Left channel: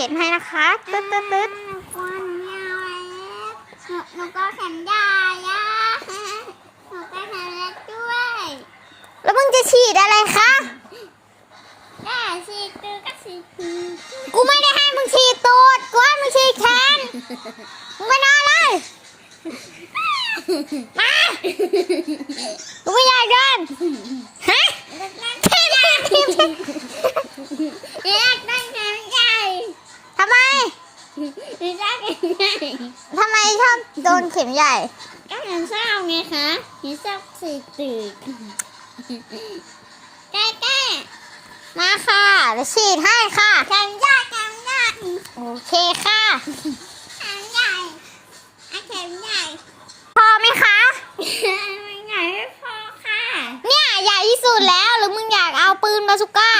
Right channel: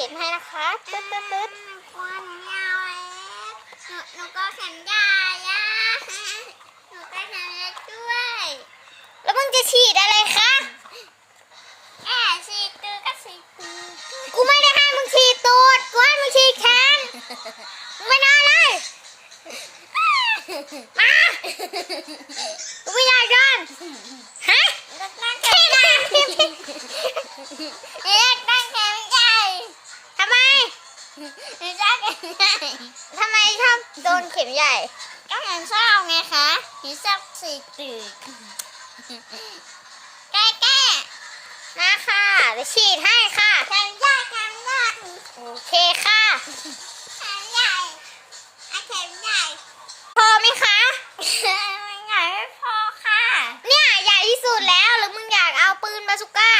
ฉีดให้นะคะตึ๊ดตึ๊ดตึ๊ดหนูก็ยาวแล้วหนูหนูก็แขนยาวอะหนูก็แขนเล็กด้วย แล้วมึงจะฉีดอะไรคะแค่สีตือก็สีตือกูไม่ได้ให้มึงฉีดตูดกูให้มึงฉีดแขนมึงไม่น่าเลยมากูไม่อยากโดนฮะ มันทำไมชอบโดนเข็มใหญ่ ก็เห็นชอบไงคะเห็นชอบสีจืดแก้มาค่ะเะฉีดให้ค่ะแข็งใหญ่แข็งใหญ่โอเคค่ะแข็งใหญ่ไแข็งใหญ่พอไหมคะใหญ่ไม่พอค่ะ เนี่ยใหญ่ที่สุดแล้วหรือมึงอยากเอาปืนมาสุก้า